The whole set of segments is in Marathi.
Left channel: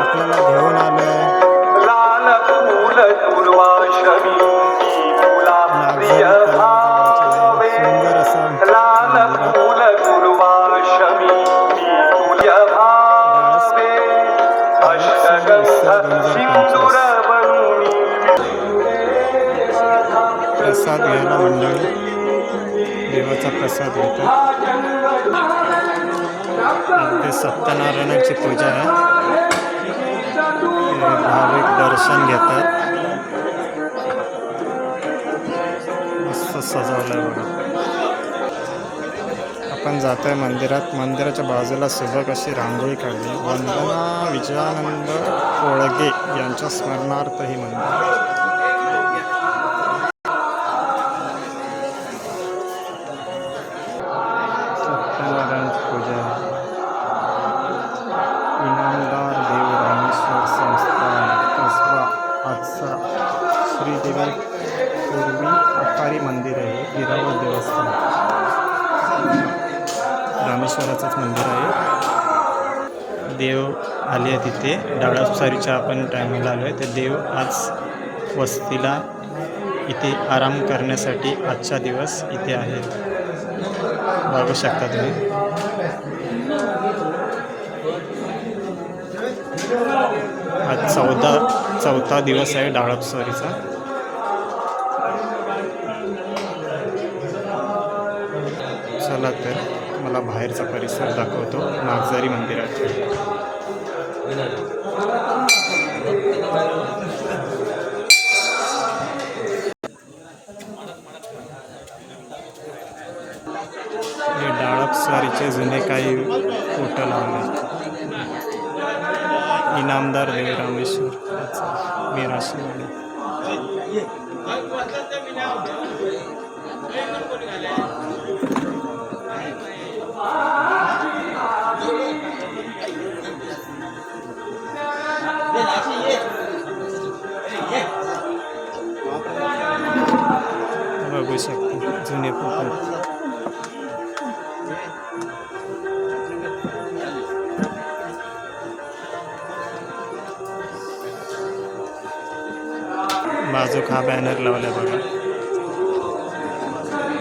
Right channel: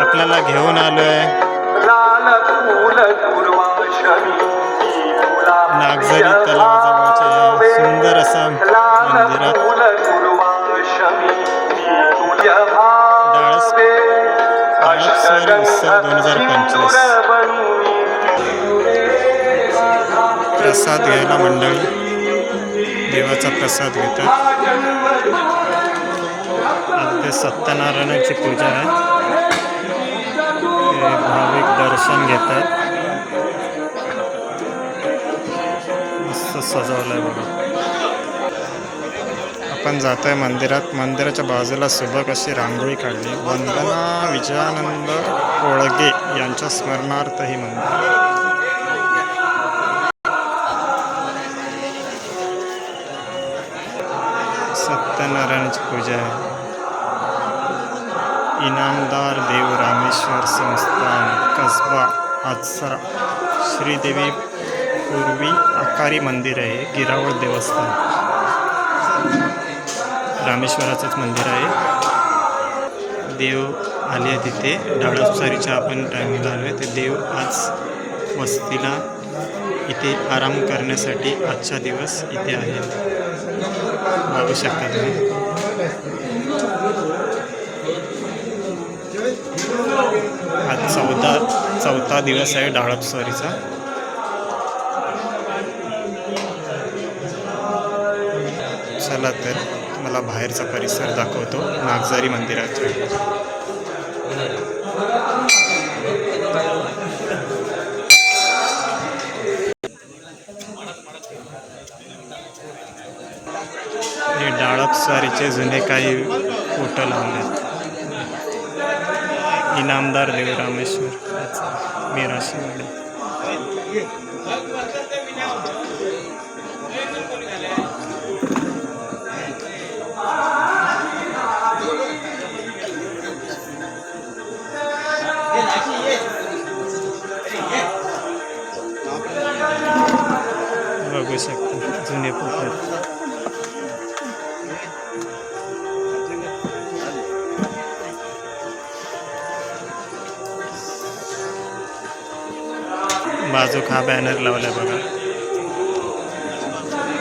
आपल्याला घेऊन आलोय. नागझरी तलावाजवळच्या सुंदर असा मंदिरात. डाळस डाळसवारी उत्सव दोन हजार पंचवीस. प्रसाद घ्यायला मंडळी. देवाचा प्रसाद घेतात. अगदी सत्यनारायणाची पूजा आहे. ते भाविक दर्शन घेतात. मस्त सजवलंय बघा. आपण आहे मंदिरात. मंदिराच्या बाजूला सुबक अशी रांगोळी काढली. वंदना विजयानंद कोळगे यांच्या स्मरणार्थ ही मंदिर सत्यनारायणाची पूजा आहे. इनामदार देव रामेश्वर संस्थान कसबा आचरा श्रीदेवी पूर्वी आकारी मंदिर आहे. गिरावळ देवस्थान. रामेश्वराचंच मंदिर आहे. देव आले आहे तिथे. डाळपसारीच्या आपण टायमिंगला आलो आहे ते देव आज वस्तीला इथे आराम करण्यासाठी आजचा दिवस इथे आहे. बघू शकता तुम्ही. आज चौदा चौथा दिवस आहे डाळपसवारीचा चला तर. तुम्हाला बाहेरचा परिसर दाखवतो नागझारी मंदिरात. हे डाळपसारीचे जुने काही फोटो लावलेत इनामदार देव रामेश्वर अच्छा, मिराशीवाडी बघू शकता जुने पोखर बाजूक हा बॅनर लावलाय बघा.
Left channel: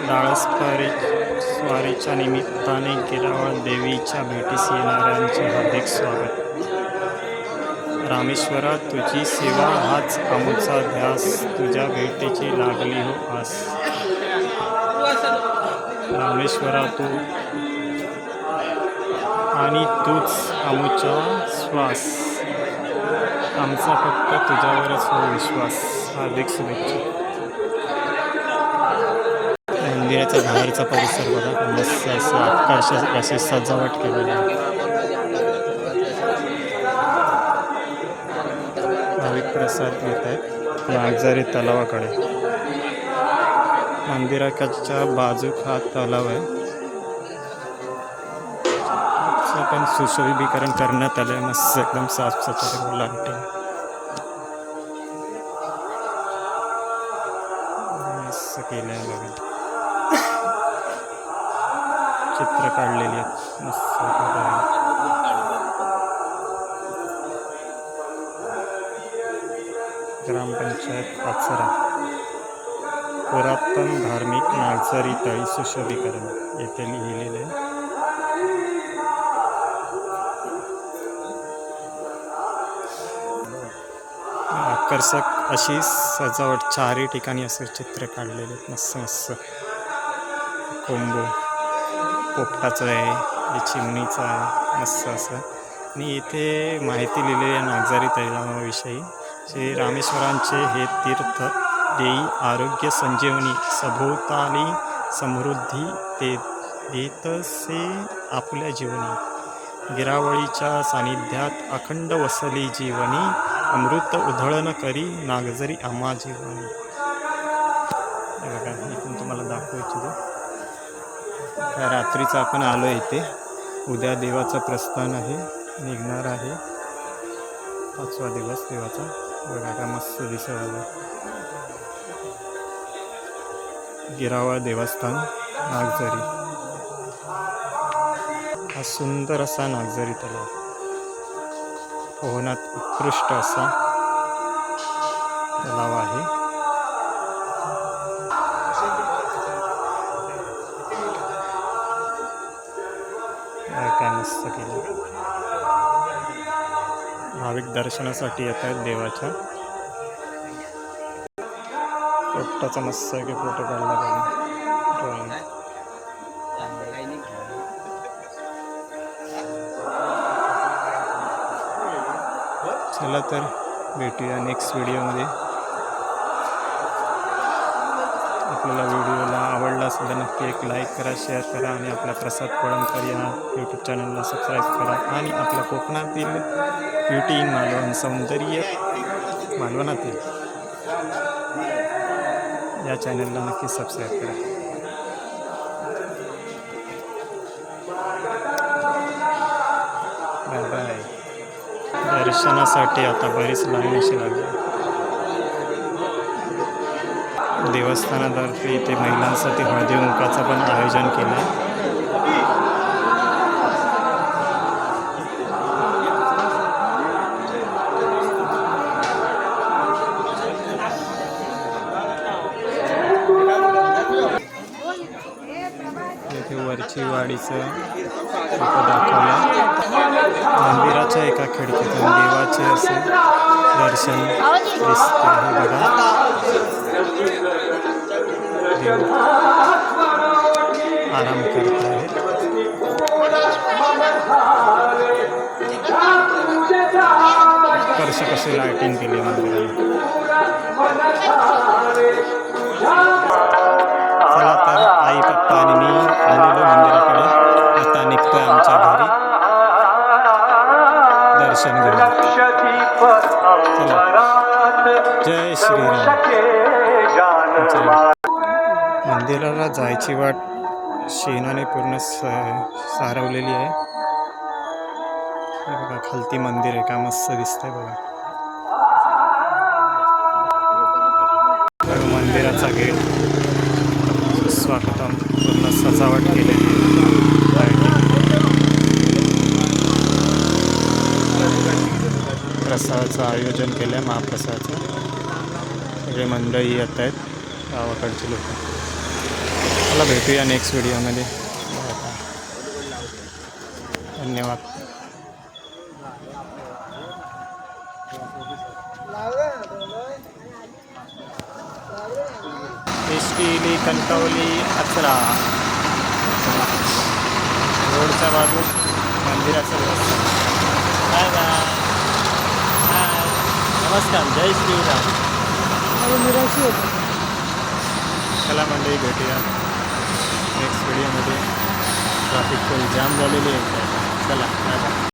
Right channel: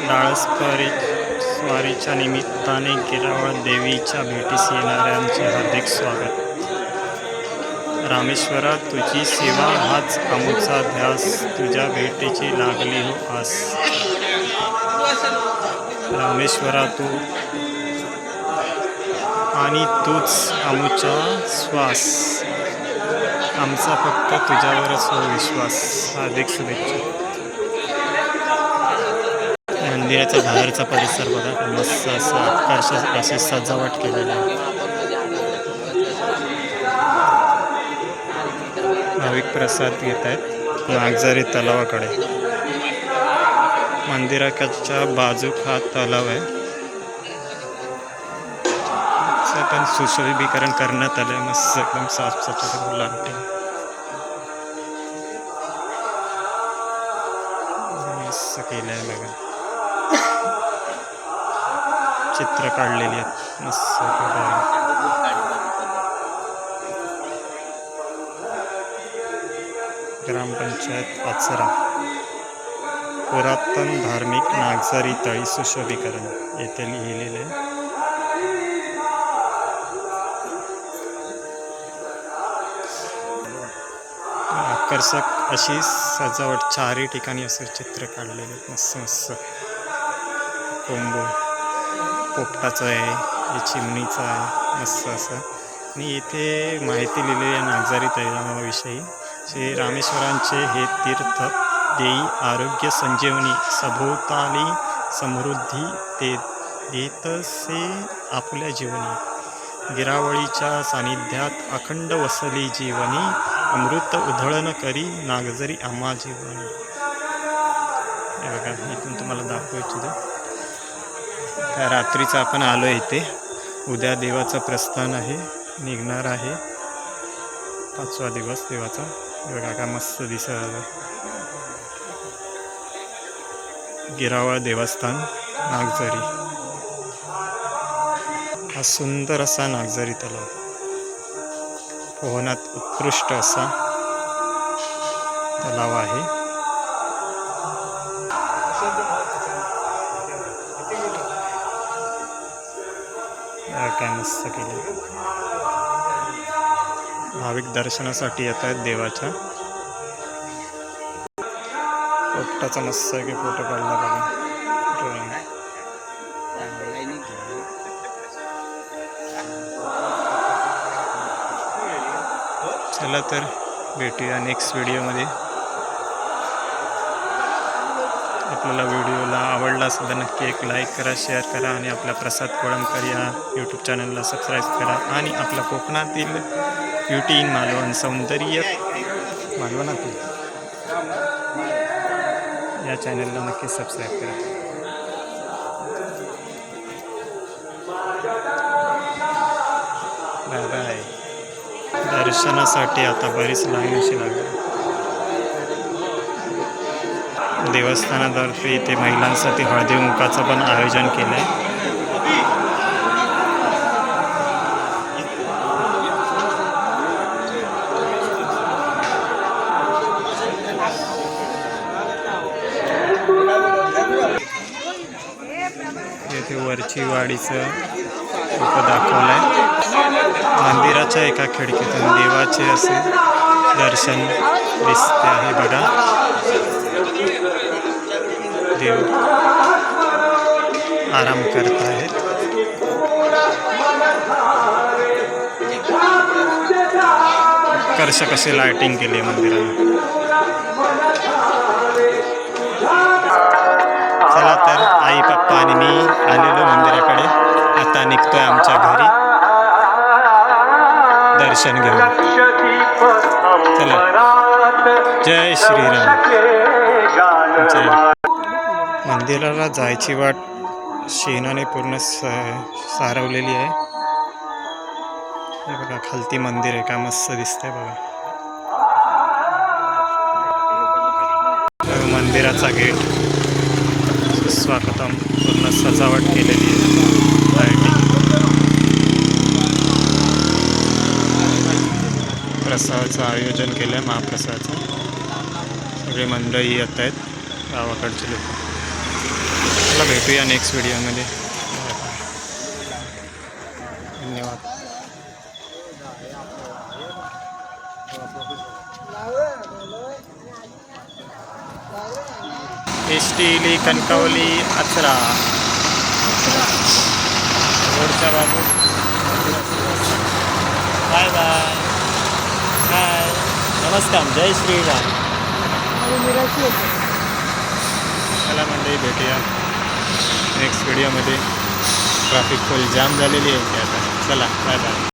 डाळसकरी स्वारीच्या निमित्ताने गिरावळ देवीच्या भेटीस येणाऱ्यांचे हार्दिक स्वागत. रामेश्वरा तुझी सेवा हाच आमूचा ध्यास. तुझ्या भेटीची लागली हो आस. रामेश्वरा तू आणि तूच आमूचा श्वास. आमचा फक्त तुझ्यावरच हो विश्वास. हार्दिक शुभेच्छा मंदिराचा बाहेरचा परिसर बघा. मस्त असं आकर्षक अशी सजावट केलेली आहे. प्रसाद घेत आहेत नागझारी तलावाकडे. मंदिराच्या बाजूक हा तलाव आहे. पण सुशोभीकरण करण्यात आलं मस्त एकदम साफ सफाई लागते. मस्त केलं आहे बघा. चित्र काढलेली आहेत. मस्त ग्रामपंचायत पाचरा. पुरातन धार्मिक नागझारी तळी सुशोभीकरण. येथे लिहिलेले आहे. आकर्षक अशी सजावट चारही ठिकाणी असे चित्र काढलेले आहेत. मस्त मस्त. कोंबो पोपटाचं आहे हे चिमणीचं आहे. मस्त असं. आणि इथे माहिती लिहिलेली आहे नागझारी तैलाविषयी श्री रामेश्वरांचे हे तीर्थ देई आरोग्य संजीवनी सभोवताली समृद्धी ते देतसे आपल्या जीवनी. गिरावळीच्या सानिध्यात अखंड वसली जीवनी अमृत उधळण करी नागजरी आम्हा जीवनी. हे बघा इथून तुम्हाला दाखवू इच्छितो. त्या रात्रीचं आपण आलो इथे. उद्या देवाचं प्रस्थान आहे निघणार आहे. पाचवा दिवस देवाचा. बघा काय मस्त दिसत आहे गिरावळ देवस्थान नागझरी. हा सुंदर असा नागझरी तलाव. पोहण्यात उत्कृष्ट असा तलाव आहे. काय मस्त केलं भाविक दर्शनासाठी येत आहेत देवाच्या. पोपटाचा मस्त आहे की फोटो काढला बघा. ड्रॉइंग चला तर भेटूया नेक्स्ट व्हिडिओमध्ये आपल्याला व्हिडिओला आवडला असेल तर नक्की एक लाईक करा शेअर करा आणि आपल्या प्रसाद कोळंबकर या यूट्यूब चॅनलला सबस्क्राईब करा आणि आपल्या कोकणातील ब्युटी इन मालवण सौंदर्य मालवणातील या चॅनलला नक्की सबस्क्राईब करा. बाय बाय दर्शनासाठी आता बरीच लाईन अशी लागली. देवस्थानातर्फे इथे महिलांसाठी हळदी मुखाचं पण आयोजन केलं आहे येथे वाडीचं फोटो दाखवलं आहे मंदिराच्या एका खिडकीतून देवाचे असे दर्शन दिसते आहे बघा. देव आराम करत आहेत. आकर्षक असे लायटिंग केली आहे मंदिराला चला तर आई पप्पा आणि मी आलेलो मंदिराकडे. आता निघतोय आमच्या घरी. दर्शन घेऊन. चला. जय श्रीराम. जय. मंदिराला जायची वाट शेणाने पूर्ण स सारवलेली आहे. हे बघा खालती मंदिर आहे. का मस्त दिसतंय बघा. मंदिराचा गेट. स्वागतम. पूर्ण सजावट केलेली आहे. लायटिंग प्रसादाचं आयोजन केलं आहे महाप्रसादाचं. सगळे मंडळी येत आहेत गावाकडचे लोक. चला भेटूया नेक्स्ट व्हिडिओमध्ये धन्यवाद. इष्टिली कणकवली अत्रा रोडच्या बाजू. Bye bye. हाय नमस्कार, जय श्रीराम. चला मंडळी, भेटूया. नेक्स्ट व्हिडिओमध्ये ट्रॅफिक फुल जाम आता चला, बाय बाय.